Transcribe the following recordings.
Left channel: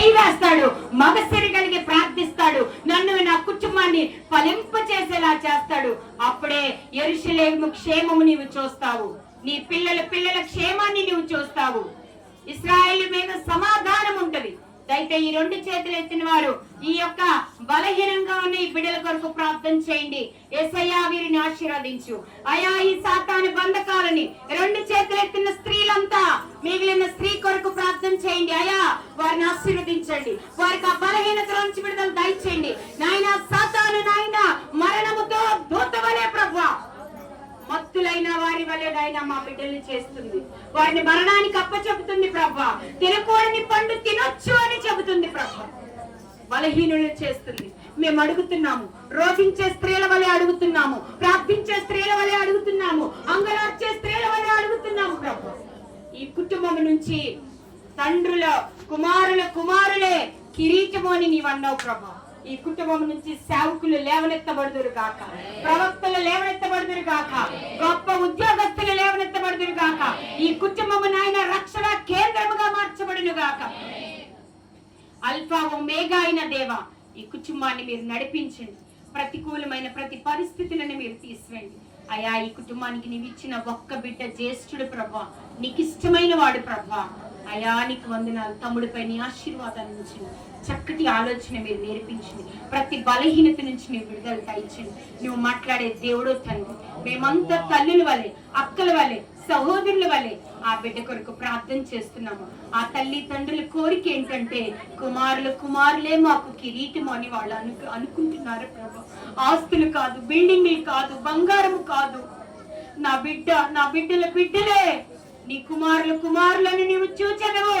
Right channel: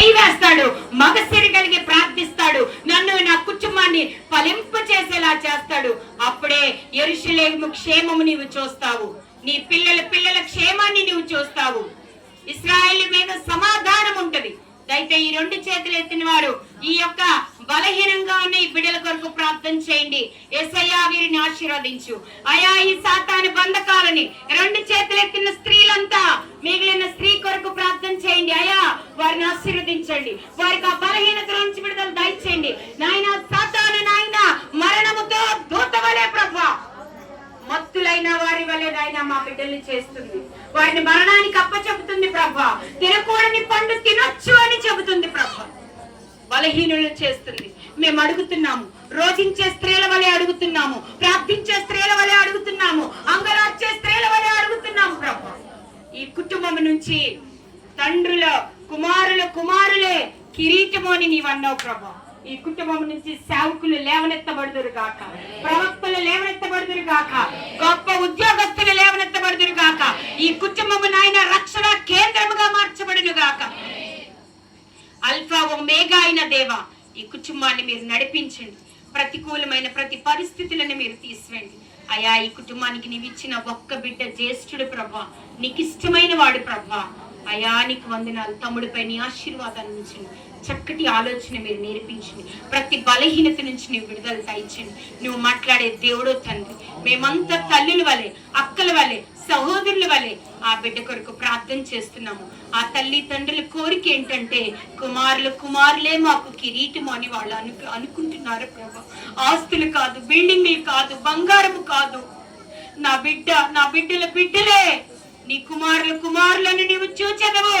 చేయి వేస్తాడు, మగసిరి కలిగి ప్రార్థిస్తాడు, నన్ను నా కుటుంబాన్ని ఫలింప చేసేలా చేస్తాడు. అప్పుడే యెరూషలేము క్షేమము నీవు చూస్తావు, నీ పిల్లల క్షేమాన్ని నీవు చూస్తావు. ఇశ్రాయేలు మీద సమాధానం ఉంటది. అయితే ఈ రెండు చేతులు ఎత్తిన వారు ఈ యొక్క బలహీనంగా ఉన్న ఈ బిడ్డల కొరకు ప్రార్థన చేయండి. యేసయ్యా వీరిని ఆశీర్వదించు అయా. ఈ సాతాను బంధకాలని రెండు చేతులు ఎత్తిన స్త్రీలంతా మిగిలిన స్త్రీ కొరకు ప్రార్థన చేయండి అయా. వారిని ఆశీర్వదించండి, వారికి ఆ బలహీనత నుంచి విడుదల దయచేయండి నాయన. సాతాను నాయన మరణముతో దూత వలె ప్రభువా మత్తులైన వారి వలె నాయన మా బిడ్డల్ని చేస్తుంది, వారిని మరణానికి అప్పచెబుతుంది ప్రభా. తినకూడని పండు తినొచ్చు అని చెబుతుంది ప్రభా. బలహీనులు చేస్తుంది. మేము అడుగుతున్నాము, రోజించే స్త్రీల వలె అడుగుతున్నాము, ప్రార్థించే స్త్రీల వలె అడుగుతున్నాము, అంగలార్చే స్త్రీల వలె అడుగుతున్నాము ప్రభా. ఈ కుటుంబం నుంచి తండ్రుల కుమారులే కిరీటము అని నీవు అన్నావు ప్రభా. ఈ కుటుంబం నుంచి సేవకులు లేవనెత్తబడుదురు కాక, ప్రవక్తలు లేవనెత్తబడుదురు కాక, గొప్ప ఉద్యోగస్తులు లేవనెత్తబడుదురు కాక. ఈ కుటుంబము నాయన రక్షణ కేంద్రముగా మార్చబడును గాక. అల్ఫా ఒమేగా అయిన దేవా, ఈ కుటుంబాన్ని మీరు నడిపించండి. ప్రతికూలమైన ప్రతి పరిస్థితులను మీరు తీసివేయండి అయా. ఈ కుటుంబానికి నీవు ఇచ్చిన ఒక్క బిడ్డ జ్యేష్ఠుడు ప్రభా, నీకు ఇష్టమైన వాడు ప్రభా అయా. నీకు వందనాలు. తమ్ముడిపై నీ ఆశీర్వాదాన్ని ఉంచండి, చక్కటి ఆలోచన మీరు నేర్పించండి, ప్రతి బలహీనత నుంచి నువ్వు విడుదల దయచండి. నువ్వు మాట్లాడే దేవుడు తండ్రి, మేమంతా తల్లుల వలె, అక్కల వలె, సహోదరుల వలె ఆ బిడ్డ కొరకు ప్రార్థన చేస్తున్నాము. ఆ తల్లి తండ్రుల కోరిక ఏంటంటే కుమారులే మాకు కిరీటము అని వాళ్ళు అనుకుంటున్నారు ప్రభా. ఆస్తులు కాదు, బిల్డింగ్లు కాదు, బంగారము కాదు, నా బిడ్డలే నీ కుమారులను నీవు చూచెదవు.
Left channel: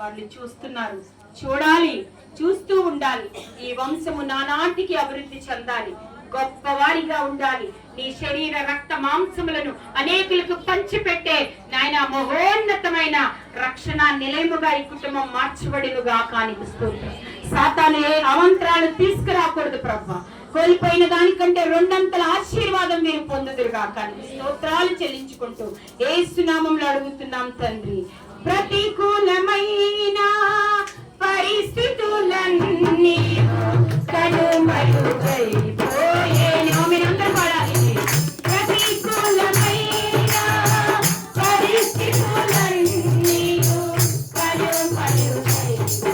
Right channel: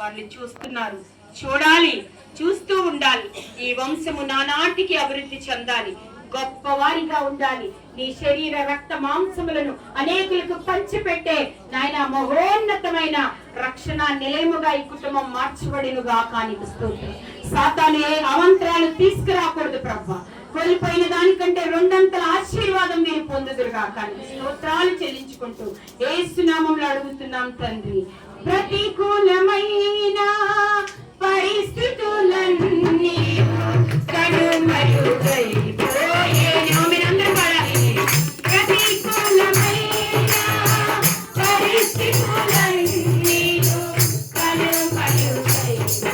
వాళ్ళు చూస్తున్నారు, చూడాలి, చూస్తూ ఉండాలి. ఈ వంశము నానాటికి అభివృద్ధి చెందాలి, గొప్పవారిగా ఉండాలి. నీ శరీర రక్త మాంసములను అనేకులకు పంచిపెట్టే నాయన మహోన్నతమైన రక్షణ నిలయముగా ఈ కుటుంబం మార్చబడినుగా. కానీ సాతాను ఏ అవంతరాలు తీసుకురాకూడదు ప్రభా. కోల్పోయిన దానికంటే రెండంతల ఆశీర్వాదం మీరు పొందుదురుగా. కానీ స్తోత్రాలు చెల్లించుకుంటూ యేసు నామములో అడుగుతున్నాం తండ్రి. ప్రతికూలమైన పరిస్థితులన్నీ కనుమరుగైపోయేను. మీరందరూ పాడాలి. ప్రతికూలమైన పరిస్థితులన్నీ కనుమరుగైపోయేను.